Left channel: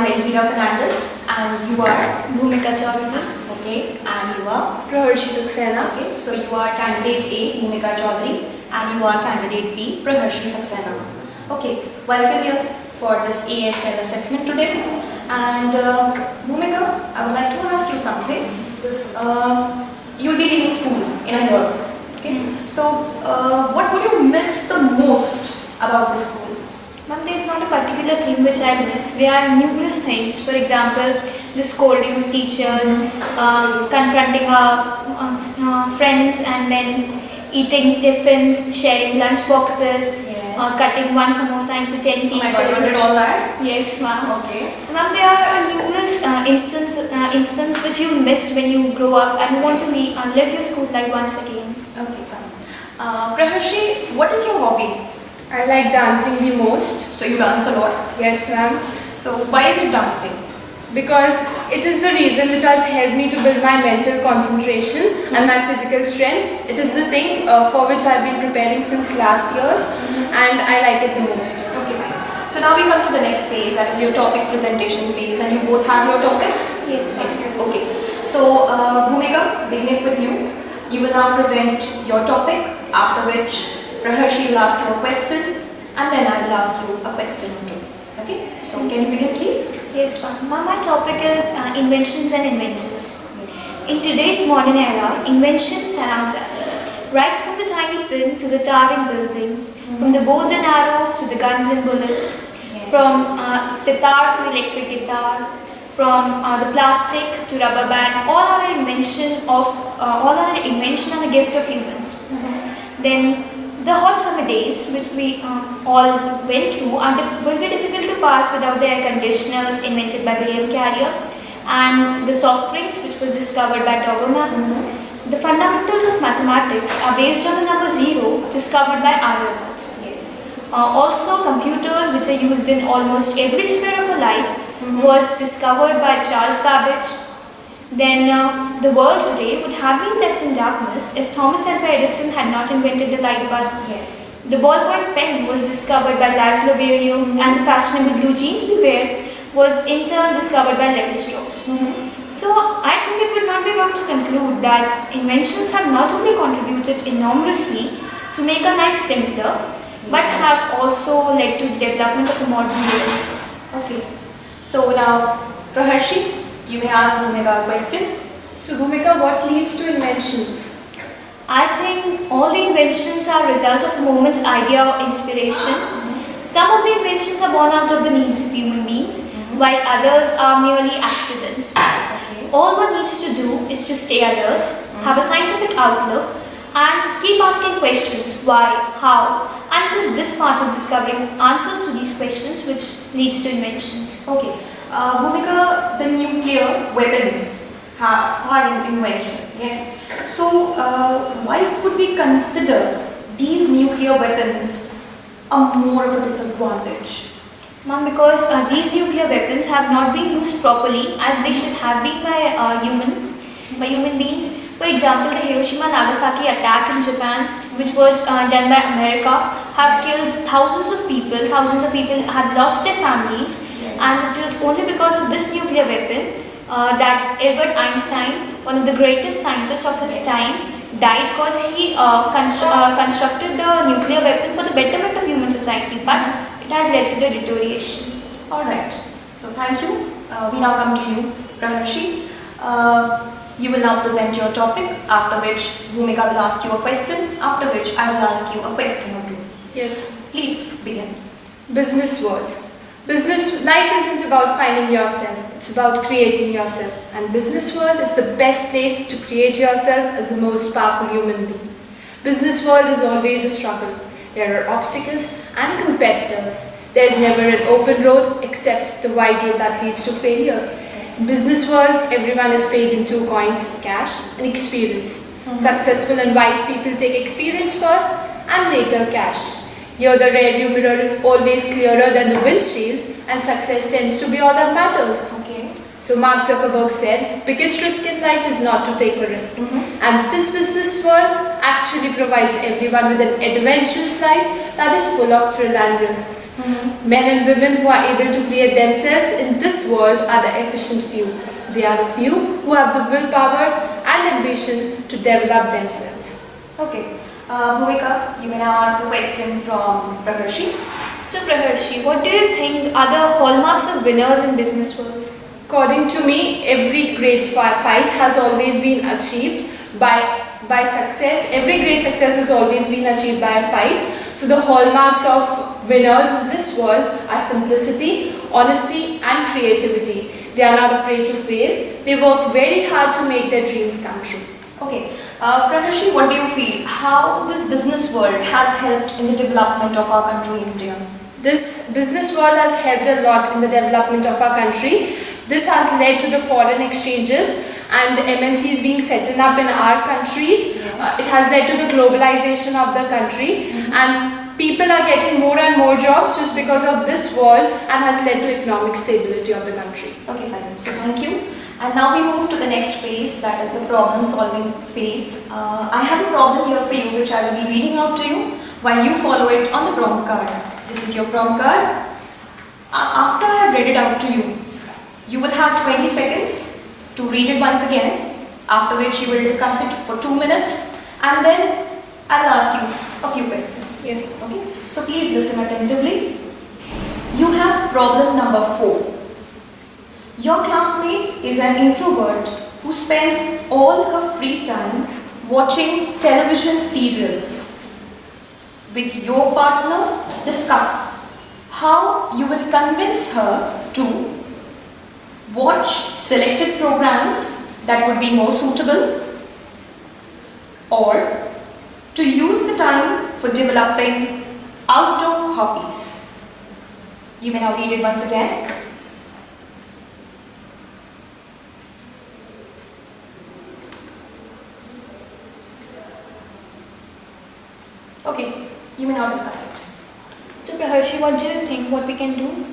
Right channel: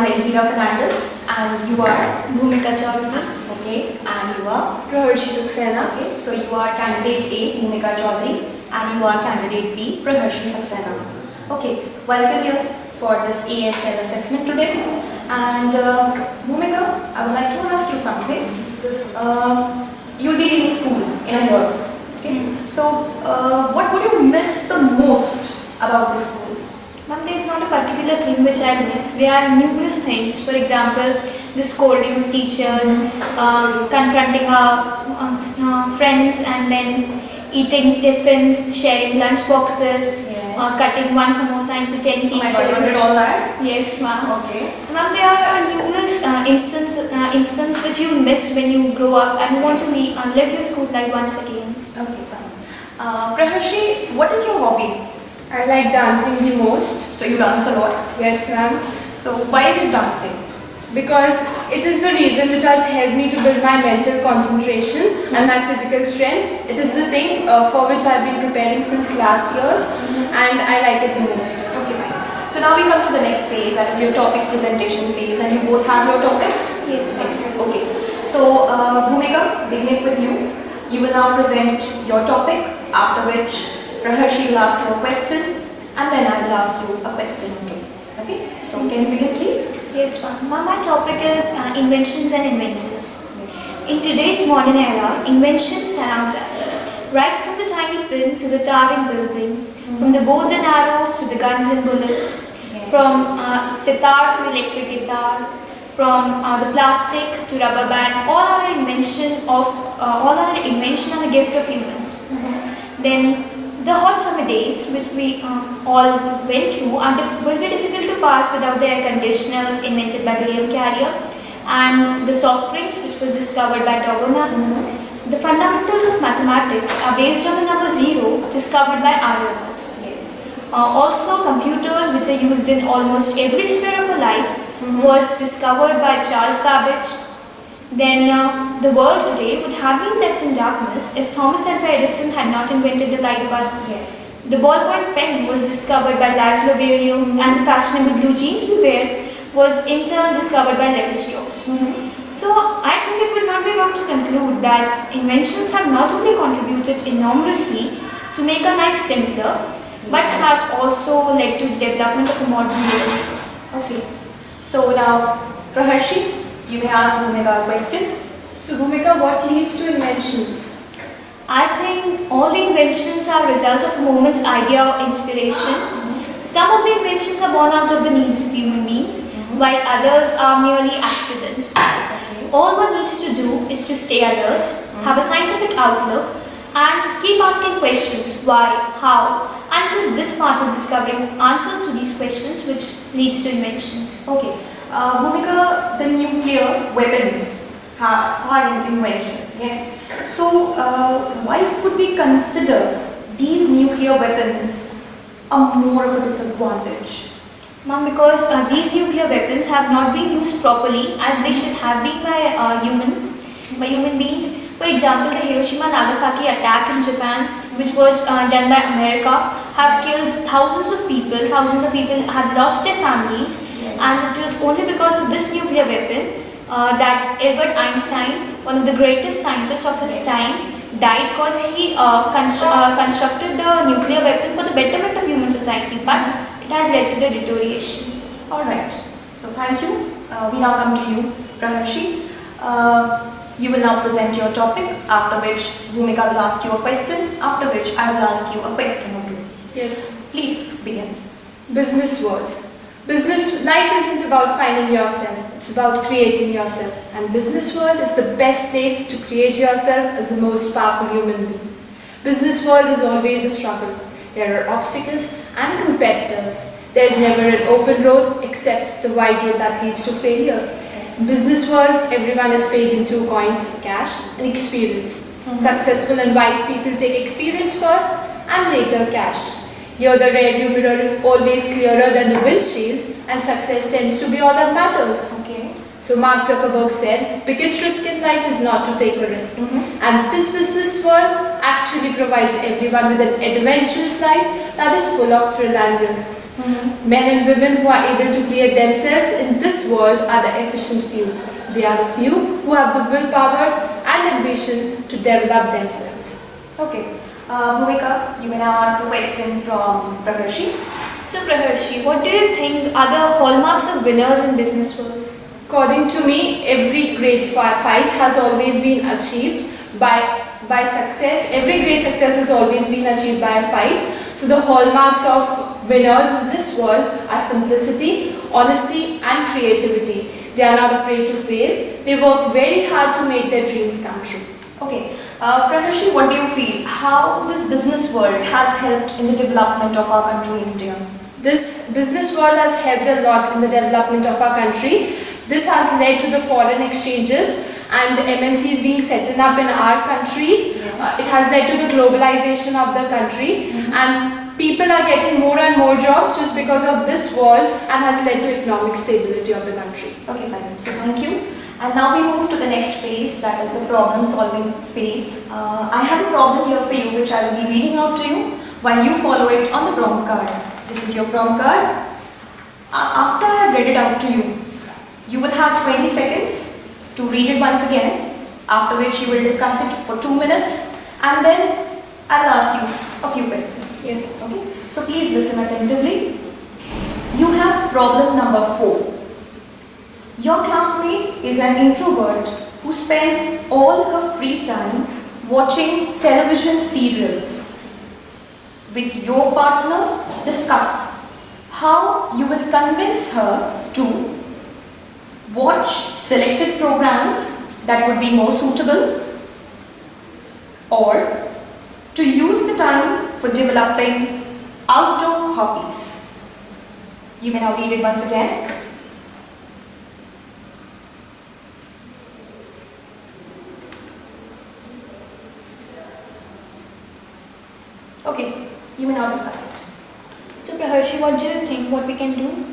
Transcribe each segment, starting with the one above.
am Elvira Fernandez and you are Bhumika Chaudhary. okay, and you are Praharshi Saxena. okay. So you are candidate A, Bhumika Chaudhary, and you are candidate B, Praharshi Saxena. Okay, welcome here for this ASL assessment today. And Bhumika, I would like to ask you something. You'll be leaving school in a year. Okay. So what would you miss the most about this school? Ma'am, there is not a particular thing which I miss. There are numerous things. For example, the scolding of teachers, confronting our friends, and then eating tiffins, sharing lunch boxes, cutting one samosa into 10 pieces. Oh my God, you did all that? Yes, ma'am. Okay. So, ma'am, there are numerous instances which you miss when you grow up and you want to live your school life once again. Okay, fine. Praharshi, what is your hobby? I like dancing the most. So you dance a lot. Yes, ma'am. So why is it dancing? Because it is the reason which has helped me to build my mental concentration and my physical strength. It is the thing for which I have been preparing since last years, and I like it the most. Okay, fine. So now we come to the next phase, that is your topic presentation phase, and you both have your topics? Yes, ma'am. Okay. So Bhumika, beginning with you. You will now present your topic, after which Praharshi will ask you a question, and then I will ask you a question or two. Okay? So can you begin, please? Yes, ma'am. Ma'am, my topic is inventions and inventors. In today's modern era, inventions surround us. Right from the tiny pin to the towering building, from the bows and arrows to the guns and bullets, from sitar to electric guitar, from the plastic to rubber band, all are an invention and a gift of humans. Then the hot summer days, which we all went through, will be difficult to pass without the air conditioners invented by William Carrier, and the soft drinks, which was discovered by Doberman. The fundamentals of mathematics are based on the number 0, discovered by Aryabhat. Yes. Also, computers, which are used in almost every sphere of our life, was discovered by Charles Babbage. Then the world today would have been left in darkness if Thomas Alva Edison had not invented the light bulb. Yes. The ballpoint pen was discovered by Laszlo Berio, and the fashionable blue jeans we wear was in turn discovered by Levi Strauss. So I think it would not be wrong to conclude that inventions have not only contributed enormously to make our life simpler, but have also led to the development of a modern world. Okay. So now, Praharshi, you may ask Bhumika a question. So, Bhumika, what leads to inventions? I think all the inventions are a result of a moment's idea or inspiration. Some of the inventions are born out of the needs of human beings, while others are merely accidents. All one needs to do is to stay alert, have a scientific outlook, and keep asking questions: why, how, and it is this part of discovering answers to these questions which leads to inventions. Okay. Bhumika, the nuclear weapons are an invention. Yes. So why could we consider these nuclear weapons more of a disadvantage? Ma'am, because these nuclear weapons have not been used properly as they should have been by human beings. For example, the Hiroshima-Nagasaki attack in Japan, which was done by America, have killed thousands of people. Thousands of people have lost their families, and it is only because of this nuclear weapon that Albert Einstein, one of the greatest scientists of his time, died because he constructed the nuclear weapon for the betterment of human society, but it has led to the deterioration. Alright, so thank you. We now come to you, Praharshi. You will now present your topic, after which Bhumika will ask you a question, after which I will ask you a question or two. Yes. Please begin. Business world. Business life isn't about finding yourself, it's about creating yourself. And business world is the best place to create yourself as the most powerful human being. Business world is always a struggle. There are obstacles and competitors. There is never an open road except the wide road that leads to failure. In business world, everyone is paid in 2 coins, cash and experience. Successful and wise people take experience first and later cash. Here the rearview mirror is always clearer than the windshield, and success tends to be all that matters. Okay. So Mark Zuckerberg said, the biggest risk in life is not to take a risk. And this business world actually provides everyone with an adventurous life that is full of thrill and risks. Men and women who are able to create themselves in this world are the efficient few. They are the few who have the willpower and ambition to develop themselves. Okay. Bhumika, you may now ask a question from Praharshi. So Praharshi, what do you think are the hallmarks of winners in business world? According to me, every great fight has always been achieved by success. Every great success has always been achieved by a fight. So the hallmarks of winners in this world are simplicity, honesty and creativity. They are not afraid to fail. They work very hard to make their dreams come true. Okay. Praharshi, what do you feel? How this business world has helped in the development of our country, India? This business world has helped a lot in the development of our country. This has led to the foreign exchanges and MNCs being set up in our countries. Yes. It has led to the globalization of the country, and people are getting more and more jobs just because of this world, and has led to economic stability of the country. Okay, fine. So thank you. And now we move to the next phase, that is the problem solving phase. I have a problem here for you which I will be reading out to you while you follow it on the prompt card. This is your prompt card. After I have read it out to you, you will have 20 seconds to read it once again, after which you will discuss it for 2 minutes, and then I will ask you a few questions. Yes. Okay. So please listen attentively. You have problem number 4. Your classmate is an introvert who spends all her free time watching television serials. With your partner, discuss how you will convince her to watch selected programs that would be more suitable, or to use the time for developing outdoor hobbies. You may now read it once again. Okay, you may now discuss it. So Praharshi, what do you think what we can do?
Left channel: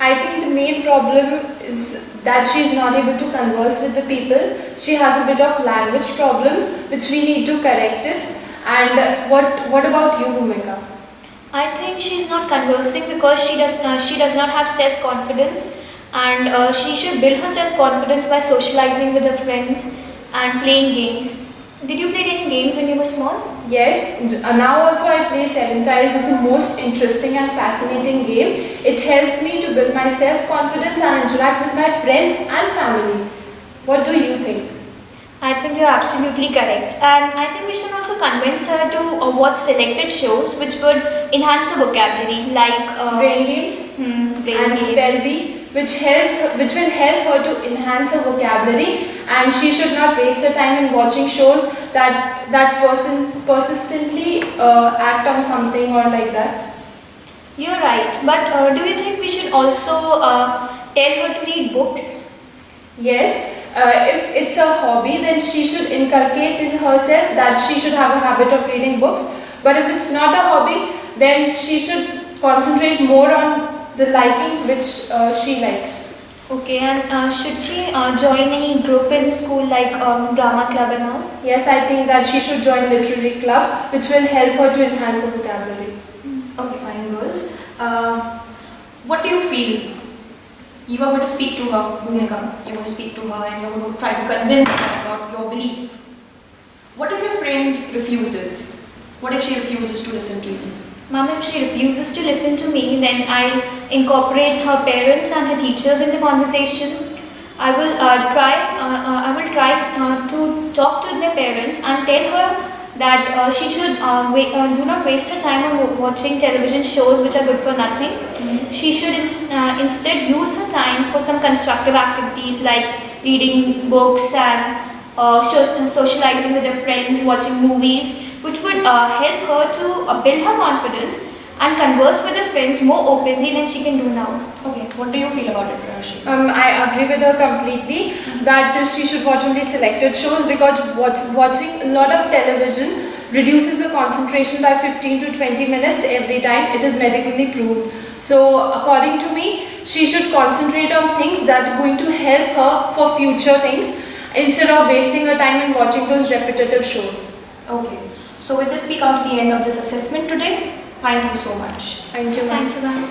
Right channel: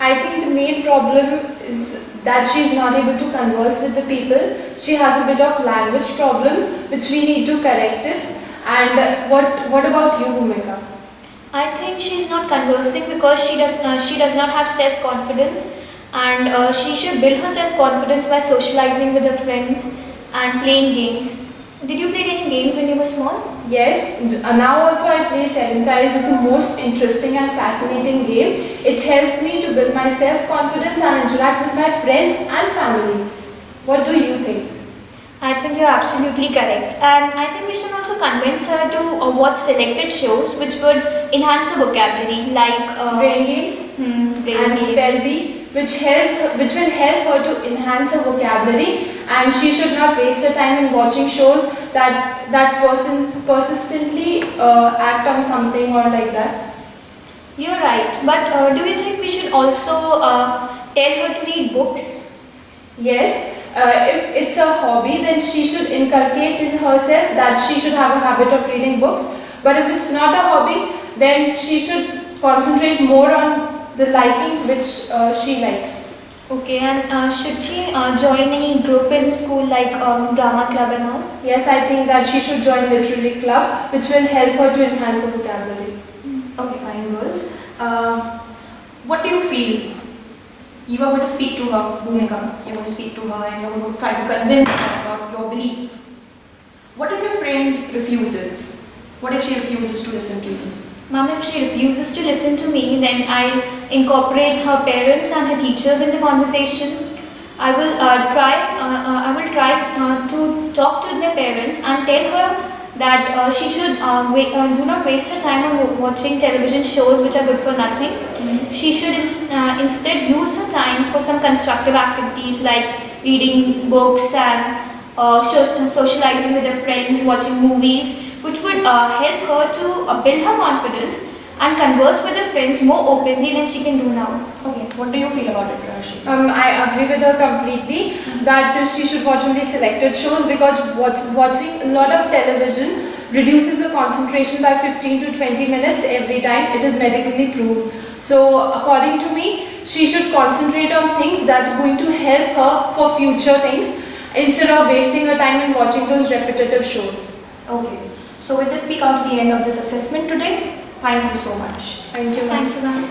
I think the main problem is that she is not able to converse with the people. She has a bit of language problem which we need to correct it. And what about you, Bhumika? I think she's not conversing because she does not have self-confidence, and she should build her self-confidence by socializing with her friends and playing games. Did you play any games when you were small? Yes, now also I play Seven Tiles. It's the most interesting and fascinating game. It helps me to build my self-confidence and interact with my friends and family. What do you think? I think you're absolutely correct, and I think we should also convince her to watch selected shows which would enhance her vocabulary, like Brain games brain and game. spell bee, which will help her to enhance her vocabulary, and she should not waste her time in watching shows that persistently act on something or like that. You're right, but do you think we should also tell her to read books? Yes, if it's a hobby, then she should inculcate in herself that she should have a habit of reading books. But if it's not a hobby, then she should concentrate more on the liking which she likes. Okay, and should she join any group in school like drama club and all? Yes, I think that she should join literary club, which will help her to enhance her vocabulary. Okay, fine, girls. What do you feel? You are going to speak to her, Bhumika. You're going to speak to her and you're going to try to convince her about your belief. What if your friend refuses? What if she refuses to listen to you? Ma'am, if she refuses to listen to me, then I'll incorporate her parents and her teachers in the conversation. I will try to talk to their parents and tell her that she should do not waste her time on watching television shows which are good for nothing. She should instead use her time for some constructive activities like reading books and socializing with her friends, watching movies, which would help her to build her confidence and converse with her friends more openly than she can do now. Okay, what do you feel about it, Rashi? I agree with her completely that she should watch only selected shows, because watching a lot of television reduces the concentration by 15 to 20 minutes every time. It is medically proved. So according to me, should concentrate on things that are going to help her for future things instead of wasting her time in watching those repetitive shows. Okay. So with this, we come to the end of this assessment today. Thank you so much. Thank you, ma'am. Thank you, ma'am.